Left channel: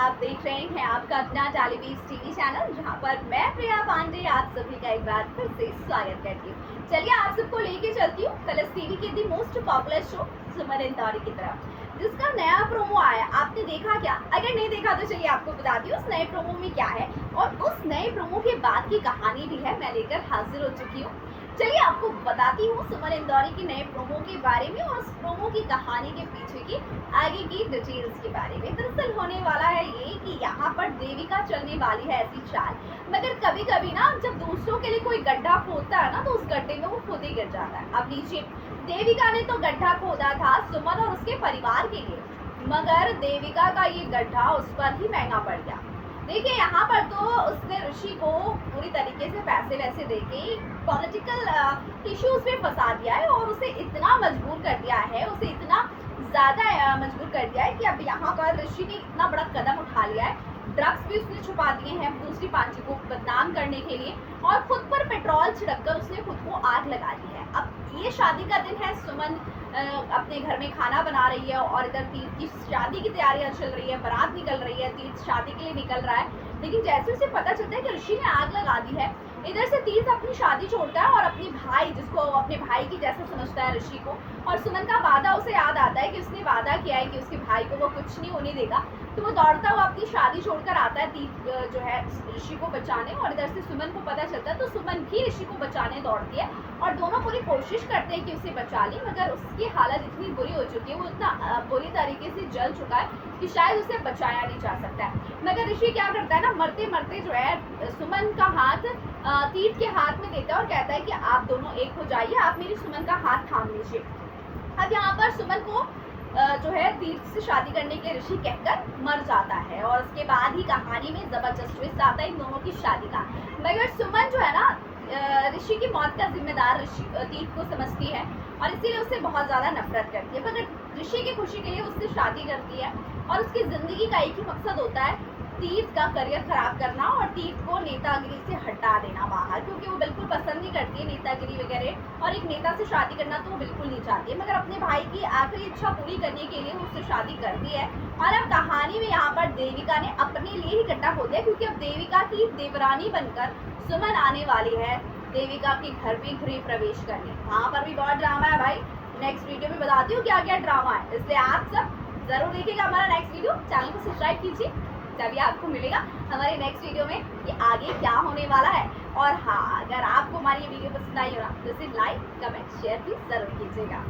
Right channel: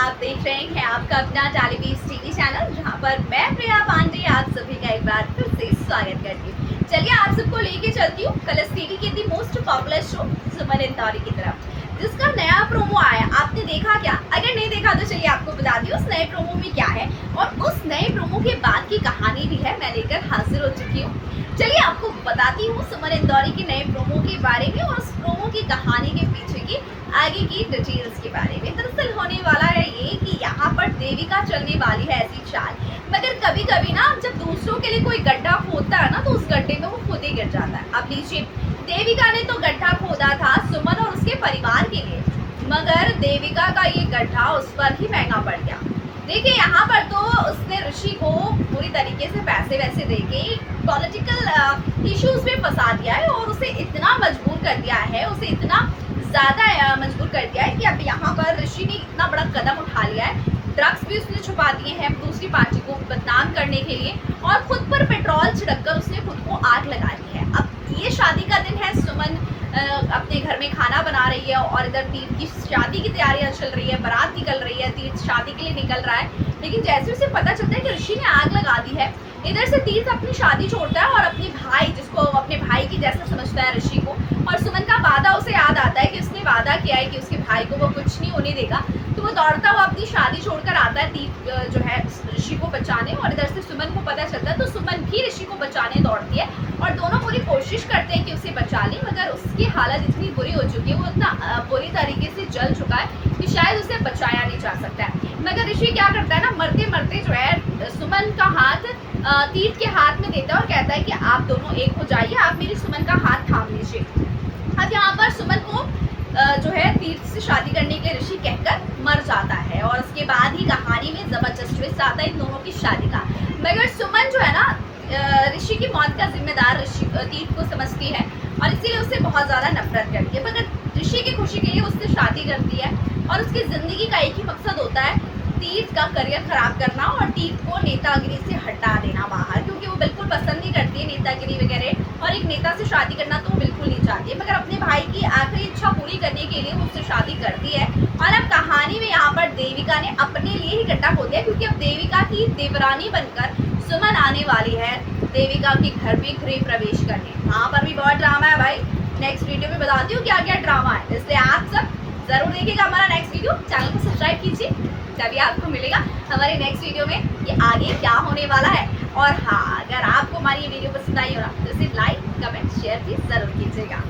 आप देख रहे हैं आपका अपना टेलीविजन टीवी चैनल, जहां पर मैं प्रिया पांडे आप सभी का एक बार फिर से स्वागत करती हूँ। चलिए आप सबको लेके चलती हूँ कलर्स टीवी के दी मोस्ट पॉपुलर शो सुमन इंदौरी की तरफ, जिसका नया प्रोमो आया। आपने देखा क्या? अगर नहीं देखा तो चलिए आपको बता दी उस नए प्रोमो में क्या है, और उस नए प्रोमो के बाद की कहानी भी है मैं लेकर हाजिर हो चुकी हूँ। चलिए आपको बताती हूँ सुमन इंदौरी के नए प्रोमो के बारे में और उस प्रोमो की कहानी के पीछे की आगे की डिटेल्स के बारे में। दरअसल होने वाला है ये कि यहाँ पर देविका चलने वाली है ऐसी चाल, मगर कभी कभी ना जब दूसरों के लिए कोई गड्ढा खोदता है ना तो उस गड्ढे में वो खुद ही गिर जाता है। अब लीजिए, देविका ने तो गड्ढा खोदा था सुमन और उसके परिवार के लिए, मगर देविका का ये गड्ढा उस पर ही महंगा पड़ गया। देखिए यहाँ पर तो उसने ऋषि को पूरी तरीके से पैसे वैसे देके पॉलिटिकल इश्यूज में फंसा दिया है और उसे इतना मजबूर कर दिया है, उसे इतना ज़्यादा मजबूर कर दिया है कि अब यहाँ पर ऋषि ने इतना बड़ा कदम उठा लिया है। ड्रग्स भी उसने छुपा दिए हैं दूसरी पार्टी को बदनाम करने के लिए, और खुद पर पेट्रोल छिड़ककर उसने खुद को आग लगा दी है। अब ये शादी का दिन है, सुमन अपने घर में खाना बना रही है और इधर तीर्थ की शादी की तैयारियां चल रही है, बारात निकल रही है, तीर्थ शादी के लिए निकल रहा है। लेकिन जैसे उसे पता चलता है कि ऋषि ने आग लगा दी है, इधर से तीर्थ अपनी शादी छोड़ता है और अपने भाई, जिसको अपने भाई की जैसा समझता है ऋषि को, और सुमन का वादा उसे याद आता है कि उसने वादा किया है कि उसके भाई को वो कुछ नहीं होने देगा, तो वो दौड़ता हुआ अपनी शादी छोड़कर आता है तीर्थ जो है ऋषि को बचाने। और इधर से सुमन को पता चलता है तो सुमन भी ऋषि को बचाने दौड़ती है और दोनों पूरी कोशिश करते हैं कि उसे बचा लें, मगर उसकी हालत इतनी बुरी हो चुकी है, वो इतना बुरी तरीके से जल चुका है कि शायद उसे बचाया नहीं जा सकता है। मगर ऋषि क्या करता है ना, मरते मरते जो है सुमन का हाथ तीर्थ के हाथ में देता है और कहता है कि आप दोनों एक हो जाइए, आप मेरी सुमन का हाथ थाम लीजिए। अब यहाँ पर सुमन को जो है तीर्थ से शादी करने के लिए ऋषि कहकर मर जाता है, और उसके बाद ही कहानी में जबरदस्त ट्विस्ट आता है इन दोनों की शादी का। मगर सुमन जो है ना ऋषि की मौत का जिम्मेदार ऋषि तीर्थ को समझती है और इसीलिए उससे बहुत ज़्यादा नफरत करती है। मगर ऋषि की खुशी के लिए उससे शादी करती है और उसकी ज़िंदगी का एक ही मकसद होता है, तीर्थ का करियर खराब करना और तीर्थ को नेतागिरी से हटा देना बाहर, क्योंकि वो बिल्कुल पसंद नहीं करती है नेतागिरी वगैरह, और एक नेता से शादी करना तो वो बिल्कुल नहीं चाहती है। मगर अपने भाई की आखिरी इच्छा पूरी करने के लिए वो उससे शादी करती है। और अब कहानी में यहाँ पर देविका ने अपने लिए ही गड्ढा खोद दिया, क्योंकि अब देविका की देवरानी बनकर सुमन आने वाली है देविका के घर में गृह प्रवेश करने। वहाँ पर भी बहुत ड्रामा है भाई, नेक्स्ट वीडियो में बताती हूँ क्या क्या ड्रामा है, इसलिए आप सब जरूर देखिएगा हमारा नेक्स्ट वीडियो। चैनल को सब्सक्राइब कीजिए, तभी आपको मिलेगा हमारे नेक्स्ट वीडियो में कि आगे क्या होने वाला है। और हाँ, अगर आपको हमारी ये वीडियो पसंद आई हो ना तो इसे लाइक, कमेंट, शेयर भी जरूर कीजिएगा।